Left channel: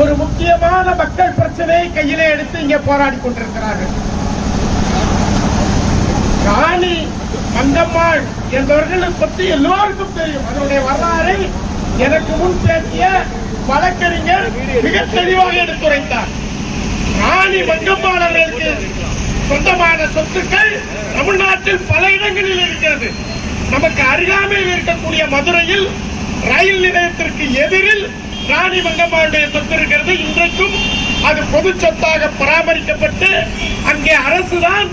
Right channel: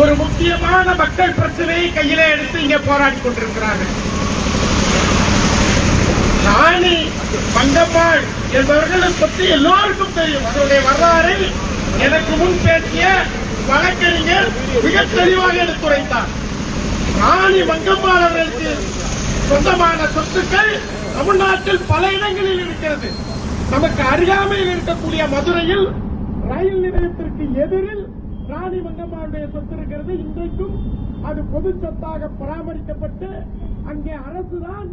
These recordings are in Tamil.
ஒரு முக்கியமான மக்கள் பிரச்சனையை கையிலே எடுத்து இங்கே போராடி கொண்டிருக்கிறார்கள். ராணி மங்கம்மாள் என்பவர்களை பற்றி எல்லோருக்கும் தெரியும். அதனுடைய வரலாறை எனக்கு முன் பேசிய வழக்கறிஞர் மிக தெளிவாக எடுத்துரைத்தார். ராணி மங்கம்மாள் அவர்களுக்கு சொந்தமான சொத்துக்கள் தமிழ்நாட்டில் பல இடங்களில் இருக்கிறது. நமக்கு அருகாமையில் இருக்கக்கூடிய மதுரையில் ரயில் நிலையத்திற்கு எதிரில் ராணி மங்கம்மாளுடைய சொத்து இருக்கிறது இன்றைக்கும் அது பொது சொத்தாக பராமரிக்கப்பட்டு அங்கே அரசுதான்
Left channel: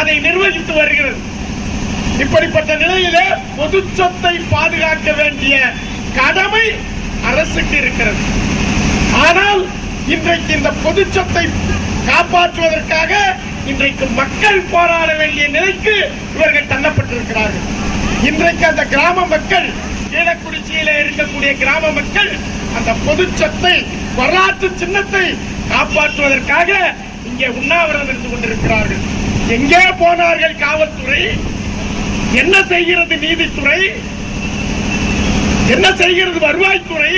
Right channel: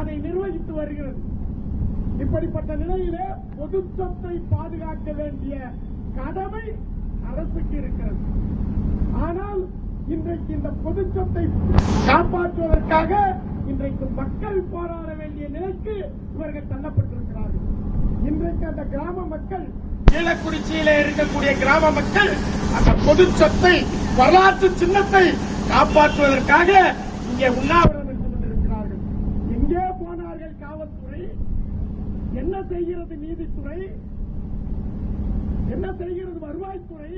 அதை நிர்வகித்து வருகிறது. இப்படிப்பட்ட நிலையிலே பொது சொத்தை பாதுகாக்க வேண்டிய கடமை அரசுக்கு இருக்கிறது. ஆனால் இன்றைக்கு இந்த பொது சொத்தை காப்பாற்றுவதற்காக இன்றைக்கு மக்கள் போராட வேண்டிய நிலைக்கு இவர்கள் தள்ளப்பட்டிருக்கிறார்கள். இன்றைக்கு அந்த கிராம மக்கள் கீழக்குறிச்சியில இருக்கக்கூடிய கிராம மக்கள் அந்த பொது சொத்தை வரலாற்று சின்னத்தை காப்பாற்றுவதற்காக இங்கே உண்ணாவிரதம் இருந்து கொண்டிருக்கிறார்கள். எங்கே போனார்கள் காவல்துறை? என்ன செய்கிறது நீதித்துறை? என்ன செய்கிறது வருவாய்த்துறை?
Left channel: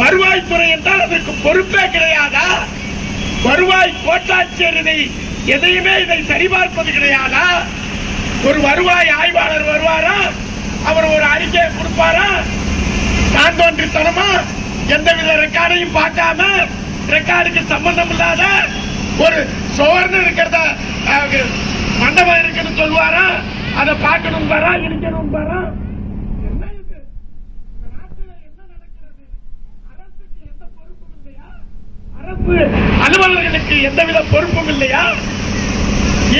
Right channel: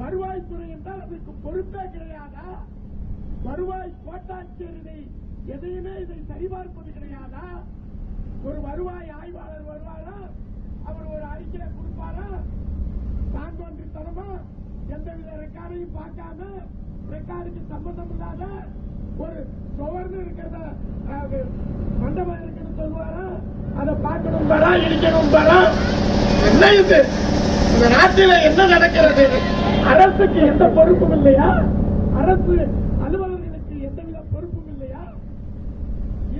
வருவாய்த்துறை என்றால் அதற்கு பொறுப்பே கிடையாதா? வருவாய் கோட்டாட்சியர் இதை எதையுமே இதை சரிபார்ப்பது கிடையாதா? ஒரு வருவாய் ஆய்வாளர் வருவாரா? அவர் ஒரு அறிக்கையை கொடுப்பாரா? சாந்தோன்றித்தனமா எந்தவித ரெக்கார்டையும் பார்க்காம ரெக்கார்டுக்கு சம்பந்தம் இல்லாத ஒரு சுவர்ணம் இருக்கிறத மண்டபம் இருக்குன்னு சொல்லுவாரா? அதை பார்க்கணும் வரா இடிக்கணும் வரா என்ன இது? இந்த நாட்டில என்ன நடக்கிறது? அரசுக்கு எந்த பொறுப்பும் இல்லையா? அரசு அலுவலர்களுக்கு எந்தவித பொறுப்பும் இல்லையா?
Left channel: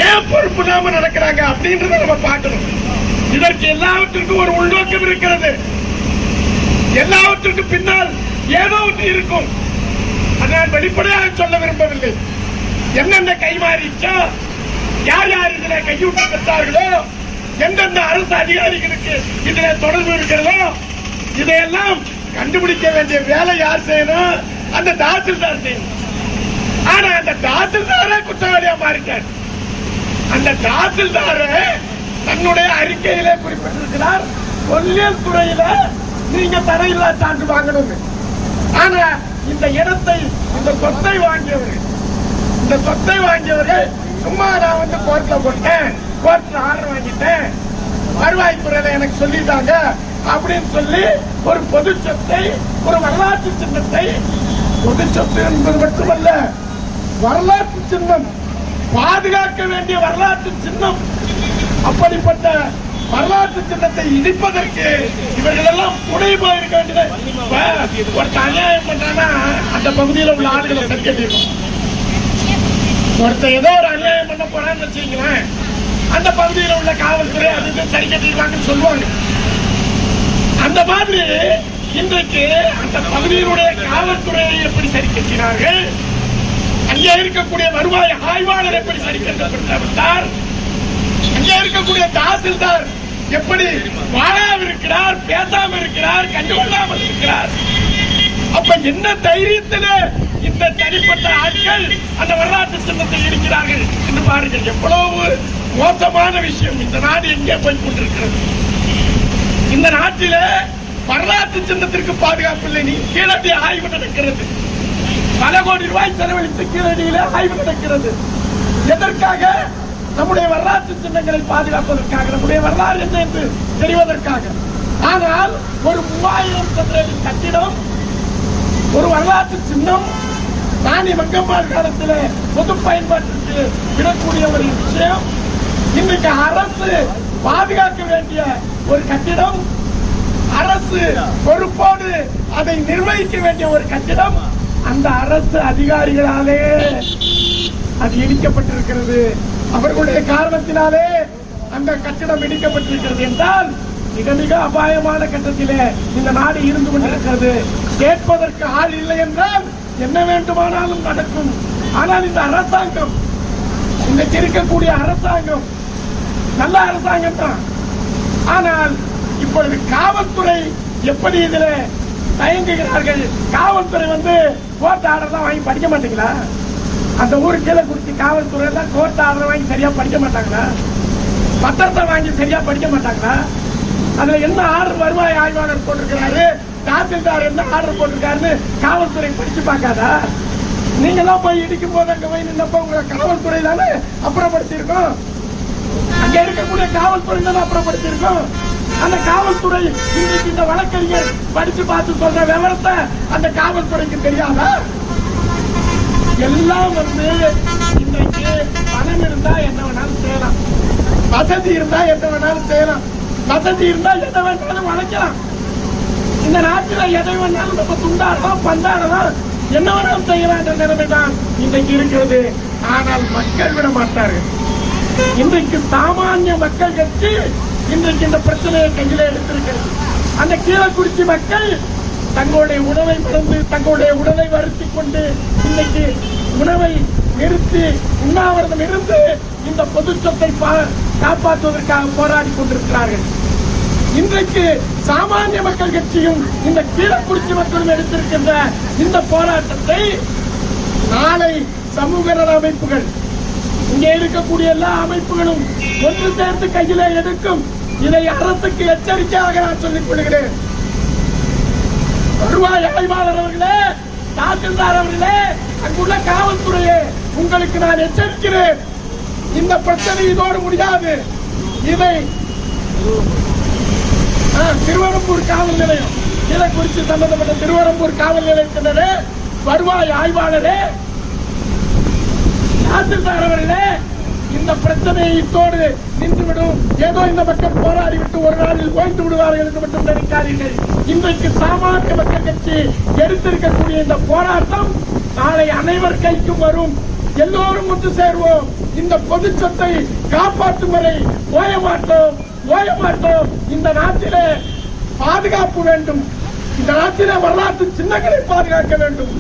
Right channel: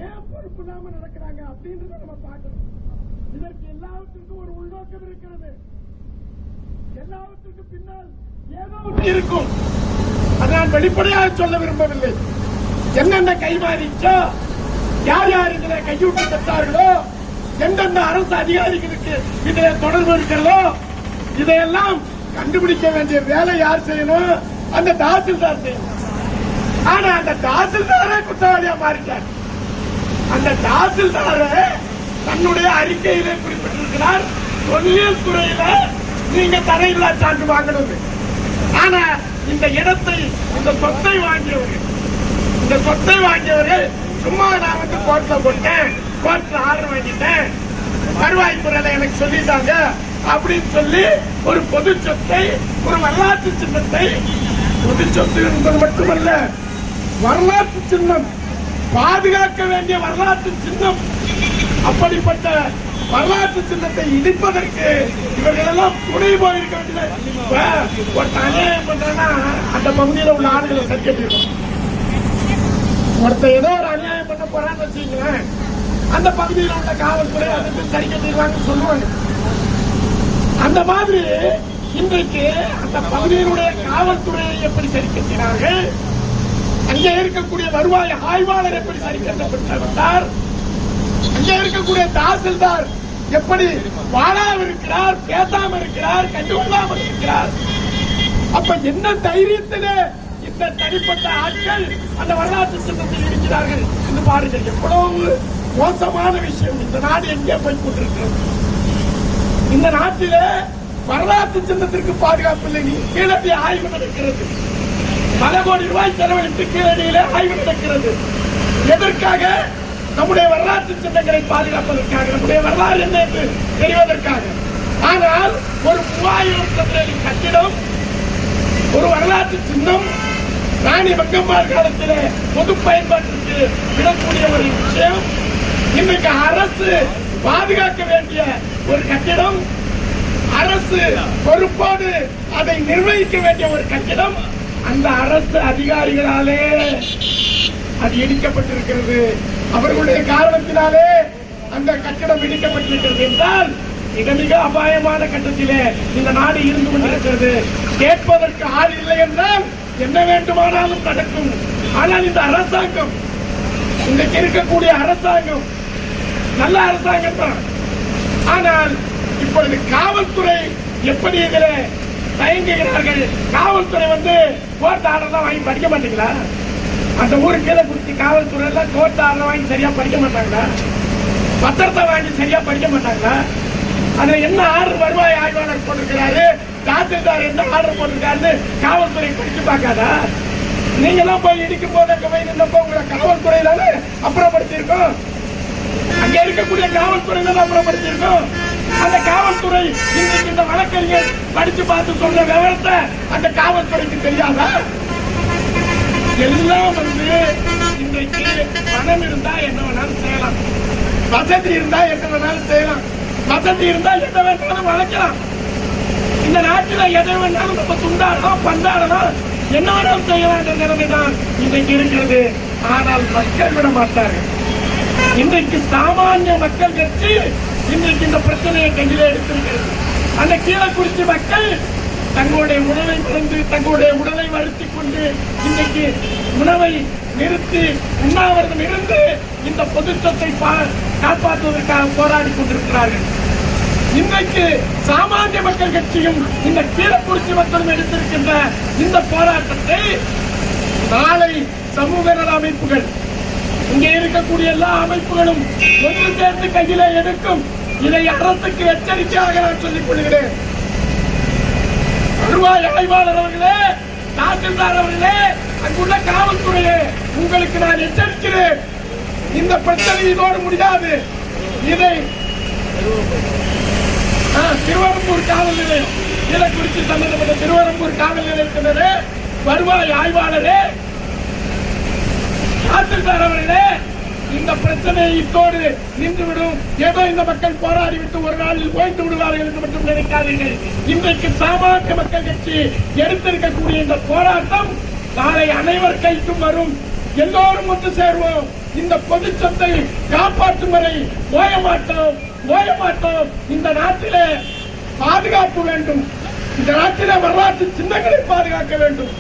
ஏன் பொறுப்பு இல்லாம நடக்கிறாங்க அப்படின்றத நம்ம பார்க்கணும். இதற்கு எல்லாவற்றிற்கும் ஒரு உள்நோக்கம் இருக்கிறது. எல்லாவற்றுக்கு பின்னால் ஏதோ ஒன்று இருக்கும். நான் வெளிப்படையாக சொல்ல விரும்பவில்லை. என்னென்ன கைமாறிச்சோ யார் யார் இதில் கையூட்டு பெற்றார்களோ? எந்தெந்த அரசு அதிகாரிகளுக்கு இதில் தொடர்பு இருக்கிறதோ? இதையெல்லாம் கண்டுபிடிக்க வேண்டிய வேலை யார் செய்யணும்? அந்த தாசில்தார் செய்யணும். ஆனா அந்த தாசில்தாரே குற்றவாளியா மாறிட்டார். அந்த தாசில்தாரே தன்னுடைய அறிக்கையிலே குறிப்பிட்டிருக்கிறார். தொல்லியல் துறையில நீங்க தரையில்லா சான்று வாங்கணும் ஆனா இந்த இடத்தை இந்த சொத்தை வாங்கியவர் இந்த சொத்தை வாங்கியவர் சும்மா நான் வந்து கோர்ட்ல கொண்டேன் கோர்ட்ல ஆர்டர் வாங்கிட்டேன். வருவாய்த்துறையில எனக்கு சொல்லிட்டாங்க. அப்படின்னு சொல்லி ஒரு பொது சொத்தை ஒரு வரலாற்று சின்னத்தை பொது சொத்து என்பது மட்டுமல்ல வரலாற்று சின்னம் பாதுகாக்க வேண்டிய வரலாற்று சின்னம் அப்படிப்பட்ட வரலாற்று சின்னத்தை இடிப்பதற்கு இவர்கள் எல்லாம் துணை போயிருக்க வேண்டியது இப்ப அநியாயம் பண்ணா அந்த பகுதியில் உள்ள ஆளுகளை சரி கட்டிருக்கோம் ஏதோ ஒரு அநியாயம் பண்ண போறான்னு வச்சுங்களேன் அந்த பகுதியில் உள்ள காவல்துறை அது இது சரி கட்டிடுவாங்கன்னு சொல்லுவாங்க. அந்த மாதிரி இன்றைக்கு அந்த பகுதியினுடைய காவல்துறையை எப்படி சரி கட்டினார்கள்? அங்கே இருக்கக்கூடிய வருவாய் ஆய்வாளர் எப்படி சரி கட்டப்பட்டார்? அங்கே இருக்கக்கூடிய தாசில்தார் எப்படி வாழாம இருக்கிறார் பேசாம இருக்கிறார் கண்டுகொள்ளாமல் இருக்கிறார் அப்ப என்ன தைரியத்தில் இந்த தனிப்பட்ட ஆட்கள் அந்த வரலாற்று சின்னத்தை இருக்கிறார்கள் என்று பாருங்கள். எவ்வளவு மோசமான விஷயம். இந்த நாடு எங்கே போய் கொண்டிருக்கிறது? இந்த நாட்டில வரலாற்று சின்னத்திற்கு பாதுகாப்பு இல்லை நீ கீழடி ஆய்வு நடக்கிறது. பல கோடி ரூபாய் செலவழித்து கீழடியில ஆய்வு நடக்கிறது. எதற்காக? நம்முடைய வரலாற்று சின்னங்களை பாதுகாப்பதற்காக நம்முடைய வரலாறு என்ன என்று தெரிவதற்காக. ஆனால் ஒரு மூவாயிரம் சதுரடி கட்டிடம் ஒரு வரலாற்று சின்னம் ராணி மக்கம்மாள் காலத்திலே பொது பயன்பாட்டிற்கு விடக்கூடிய ஒரு விஷயம். இன்றைக்கு அரசு பாதுகாக்க வேண்டிய ஒரு கட்டிடம் அரசு பொறுப்போடு அதை நிர்வகிக்க வேண்டிய ஒரு கட்டிடம் அந்த அரசு அதிகாரிகளாலே அது இடிக்கப்பட்டிருக்கிறது. அவர்களுடைய காரணத்தினாலே அந்த கட்டிடம் இடிக்கப்பட்டிருக்கிறது என்றால் மிக மிக அபாயமான கட்டத்திலே இந்த நாடு இருந்து கொண்டிருக்கிறது. கேட்பதற்கு ஆள் இல்லை என்றால் என்ன வேண்டுமானாலும் நடக்கும். ஆனால் இந்த அரசாங்கம் இன்றைக்கு இருக்கக்கூடிய அரசாங்கம் நல்ல அரசாங்கம் தான். ஆனால் இப்பொழுது காவல்துறை எப்படி இதில் தயங்குகிறார்கள்? காவல்துறை வந்து கோர்ட் ஆர்டர் தான் வாங்கி படிக்க மாட்டீங்களா? அந்த ஊருக்கு கீழே காவல்துறையில கோர்ட் ஆர்டர் வாங்கி சரியா படிக்க மாட்டாங்களா? பத்திரத்தை வாங்கி சரியா படிக்க மாட்டாங்களா? அதுல என்ன ஆர்டர் வருவாய் ஆய்வாளர் போட்டிருக்கிறாரு? தாசில்தார் என்ன ஆர்டர் போட்டிருக்காருன்னு காவல்துறை படிச்சு பார்க்காதா? நீங்க எல்லாம் போய் இடிக்கும் போது அங்க போய் நின்னப்போ உங்களை காவல்துறை தானே அப்புறப்படுத்தியிருக்கோம். அங்க இருக்கக்கூடிய காவல்துறை தான் அப்புறப்படுத்தியிருக்கோம். அந்த காவல்துறை இன்னைக்கு இந்த வழக்கறிஞர் படிச்சு பார்த்து சொல்ற விவரத்தை அந்த காவல்துறைக்கு தெரியாதா? எல்லாம் வந்து இன்றைக்கு பணம் இருந்தா என்ன வேணாலும் செய்யலாம். வசதி இருந்தா என்ன வேணாலும் செய்யலாம். வசதி இருந்தா என்ன வேணாலும் வளைக்கலாம். இந்த நாட்டில் எதை வேணாலும் நம்ம துண்டாடலாம் பந்தாடலாம் என்ன வேணாலும் செய்யலாம் என்ற நிலைமை தான் இன்றைக்கு இருக்கிறது. ஆனால் மக்கள் விட மாட்டார்கள். இன்றைக்கு சாமானிய மக்கள் கட்சி இன்றைக்கு இந்த பிரச்சனையை கையில எடுத்திருக்கிறது. அந்த கீழக்குறிச்சி மக்கள் தங்களுடைய உணவை மறந்து தங்களுடைய உடலை வருத்திக் கொண்டு இன்னைக்கு உணவை நிறுத்தி உண்ணாவிரதம் இருந்து இந்த பொதுச்சத்தை பா- காப்பாற்றுவதற்காக போராடி கொண்டிருக்கிறார்கள். இன்றைக்கு சாமானிய மக்கள் கட்சியும் இந்த கீழக்குறிச்சி மக்களும் எடுத்திருக்கின்ற இந்த போராட்டத்தை நாளை சமூக நல அமைப்புகள் இங்கே இருக்கக்கூடிய எல்லா அமைப்புகளும் ஒன்று சேர்ந்து கையிலே எடுக்கும். இதை அரசுக்கு எச்சரிக்கையாக நான் சொல்லிக் கொள்கிறேன். வருவாய் ஆய்வாளர் தாசில்தார் அவர்களே அங்குள்ள காவல்துறையே உங்களுக்கு நான் எச்சரிக்கிறேன். இந்த பிரச்சனை இதோடு முடியாது. இதை ஆ, திருவரம்பூர் காவல் நிலையம் இதை குறித்து சம்பந்தப்பட்ட திருவரம்பூர் காவல் நிலையத்தினரே வருவாய் ஆய்வாளரே தாசில்தார் அவர்களே இந்த பிரச்சனை இத்தோடு நின்றுவிடும். ஏதோ இந்த மக்கள் போராடி விட்டு ஒரு நாளில் ஓய்ந்து விடுவார்கள் என்று மட்டும் நினைக்காதீர்கள். இன்றைக்கு சாமானிய மக்கள் கட்சி எடுத்திருக்கக்கூடிய இந்த போராட்டம் நாளை அனைவர் கைக்கும் வரும். எல்லோரும் ஒன்று சேர்வோம். இந்த பொது சொத்தை காப்பாற்றும் வரை ஓய மாட்டோம் ஓய மாட்டோம். இந்த நாட்டிலே பாதுகாப்பு வேண்டும். இந்த நாட்டிலே வரலாற்று சின்னங்களை பாதுகாக்க வேண்டும்.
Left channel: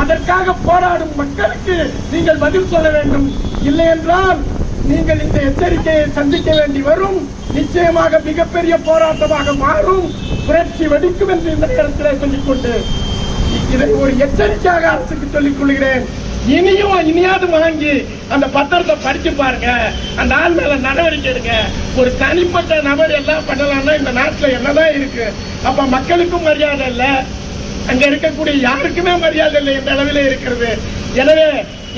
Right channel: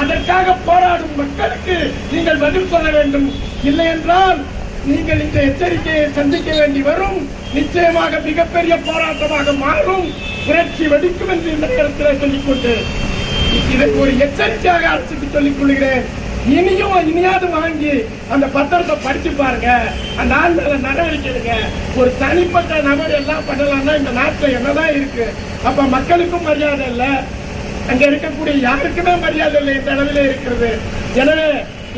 அதற்காக போராடும் மக்களுக்கு நீங்கள் பதில் சொல்ல வேண்டும். இல்லை என்றால் நீங்கள் இந்த எச்சரிக்கையை சந்திக்க வேண்டி வரும். நிச்சயமாக மிகப்பெரிய போராட்டமாக மாறும். புரட்சி வெடிக்கும் என்று இந்த நேரத்தில் சொல்லிக்கொண்டு இதை ஒரு எச்சரிக்கையாக அரசுக்கு சொல்லிக் கொள்கிறேன். இனியும் இனியாவது வாங்கி அந்த பத்திரத்தை படிச்சு பாருங்க. அந்த ஆள் மேல நடவடிக்கை எடுங்க ஒரு தனிப்பட்ட நபர் எல்லாம் பண்ணலாம்னா இந்த நாட்டுல என்னதான் இருக்கு? அப்ப மக்களுக்கும் மரியாதை இல்ல. அங்க இருக்கக்கூடிய யாருக்குமே மரியாதை இல்லை. என்ற அளவில் இருக்கிறது? எனவே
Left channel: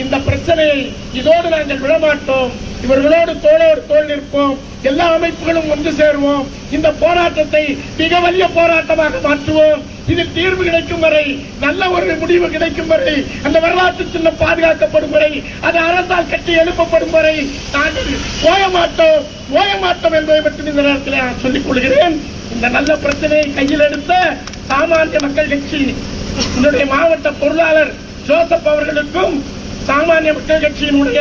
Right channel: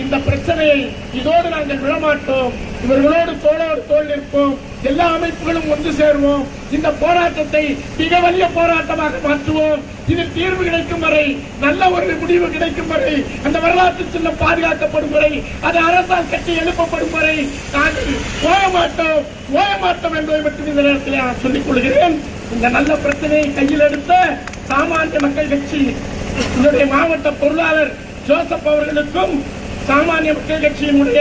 இந்த பிரச்சனையை இதோடு நாங்கள் விழமாட்டோம். இவர்களோடு தோளோடு தோல் நிற்போம். எல்லா அமைப்புகளும் ஒன்று சேருவோம். இந்த போராட்டத்தை மிக வலிய போராட்டமாக மாற்றுவோம். இது தீர்வு கிடைக்கும் வரை நல்ல ஒரு முடிவு கிடைக்கும் வரை அந்த வரலாற்று சின்னம் பாதுகாக்கப்படும் வரை அது அரசால் கட்டி எழுப்பப்படும் வரை நாங்கள் ஓய மாட்டோம். ஓய மாட்டோம் என்பதை பற்றி இந்த நேரத்தில் நான் சொல்லிக் கொள்கிறேன். இந்த நல்ல பிரச்சனையை கையில் எடுத்த சாமானிய மக்கள் கட்சி என்னுடைய மாவட்ட பொருளாளர் ஜோசப் அவர்களுக்கும் சாமானிய மக்கள் கட்சியினுடைய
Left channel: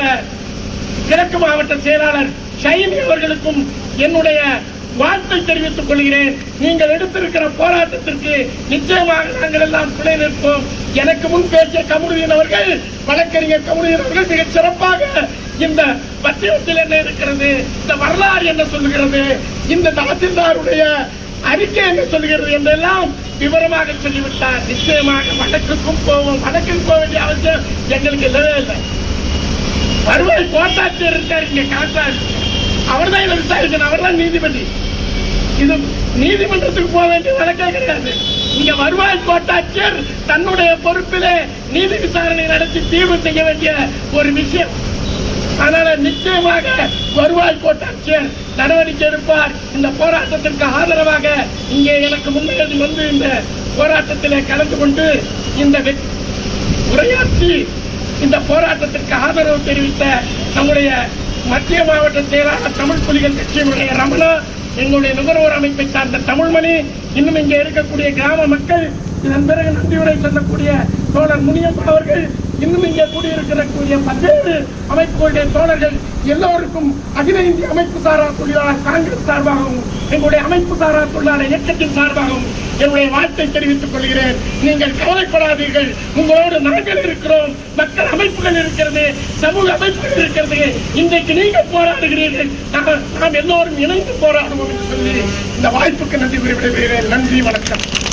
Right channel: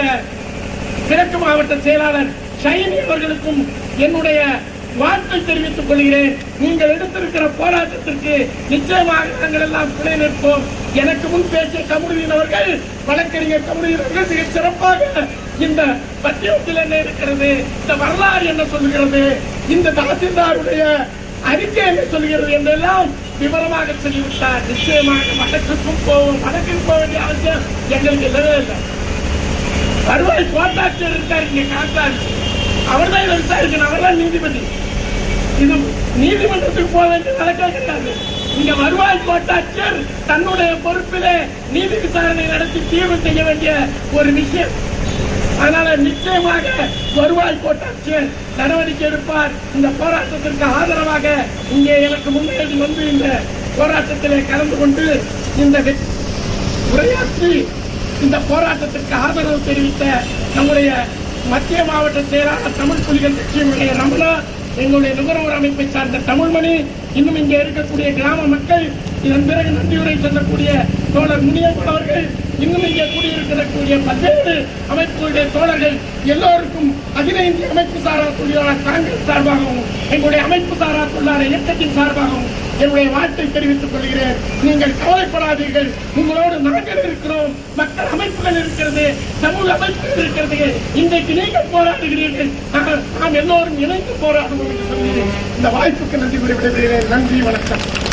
கிழக்கு மாவட்ட செயலாளர் ஷைனி அவர்களுக்கும் என்னுடைய வாழ்த்தை தெரிவித்துக் கொள்கிறேன். நீங்கள் எடுத்திருக்கிற போராட்டத்திற்கு நிச்சயமாக நாங்கள் எல்லாம் துணை நிற்போம். எனக்கு முன் பேசிய கமுடியின் அவர்கள் வழக்கறிஞர் கமுடியின் அவர்கள் சிறப்பாக இந்த பத்திரத்தில் என்ன இருக்கிறது இந்த வரலாறு என்ன சொல்லுகிறது இந்த தகசில்தாருடைய அறிக்கை என்ன சொல்கிறது என்றெல்லாம் விவரமாக சொல்லிவிட்டார். நிச்சயமாக வழக்குக்கும் போவோம் வழக்குக்கு போக வேண்டிய அவசியம் எங்களுக்கு இல்லவே இல்லை. வருவாய் கோட்டாட்சியர் இருக்காரு இங்க காட்டாரு அவர் தான் இதை விசாரிக்கணும். அவர் தான் நீதிபதி. இது நீதிமன்றத்துக்கு போக வேண்டிய வழக்கே கிடையாது. இங்க வருவாய் கோட்டாட்சியர் தன்னுடைய பொறுப்பிலே நீதி விசாரணை நடத்தி தீர்வு செய்ய வேண்டிய ஒரு விஷயம். அதனால நிச்சயமாக வருவாய் கோட்டாட்சியர் நடவடிக்கை எடுப்பார். இந்த போராட்டத்திற்கு ஆதரவாக இங்கே எனக்கு முன்னேறி வந்து இந்த போராட்டத்திலே கலந்து கொண்டு இந்த வெ- உரையாற்றி இந்த போராட்டத்திற்கு ஆதரவு தெரிவித்த நம்முடைய மத்திய மாவட்ட செயலாளர் தமிழ் புலிகள் கட்சியினுடைய ரமணா எங்களுடைய நுகர்வோர் அமைப்பை சார்ந்த தமிழ்மணி இன்னும் இங்கே இருக்கக்கூடிய கிராம மக்கள் இதன் பிறகு நன்றியுரை சொல்லக்கூடிய தோழர் முனியப்பன் அவர்கள் இன்னும் இங்கே கூடியிருக்கக்கூடிய பல்வேறு அமைப்புகளுடைய தோழர்கள் எல்லோருக்கும் அகில இந்திய அமைப்பு சாரா தொழிலாளர் காங்கிரஸ் சார்பாகவும் எங்களுடைய அமைப்பு சாரா தொழிலாளர் இயக்கத்தின் சார்பாகவும் என்னுடைய வாழ்த்தை தெரிவித்துக் கொள்கிறேன். நீங்கள் கவலைப்படாதீர்கள். உங்களோடு நாங்கள் இருக்கிறோம். மக்கள் அமைப்புகள் இருக்கிறது சமூக அமைப்புகள் இருக்கிறது. இன்றைக்கு நீங்கள் போராடுகிறீர்கள். நாம் நாம் எல்லோரும் இணைந்து போராடுவோம் என்று சொல்லி இந்த வாய்ப்புக்கு நன்றி குறிப்பிடுகிறேன் நன்றி வணக்கம்.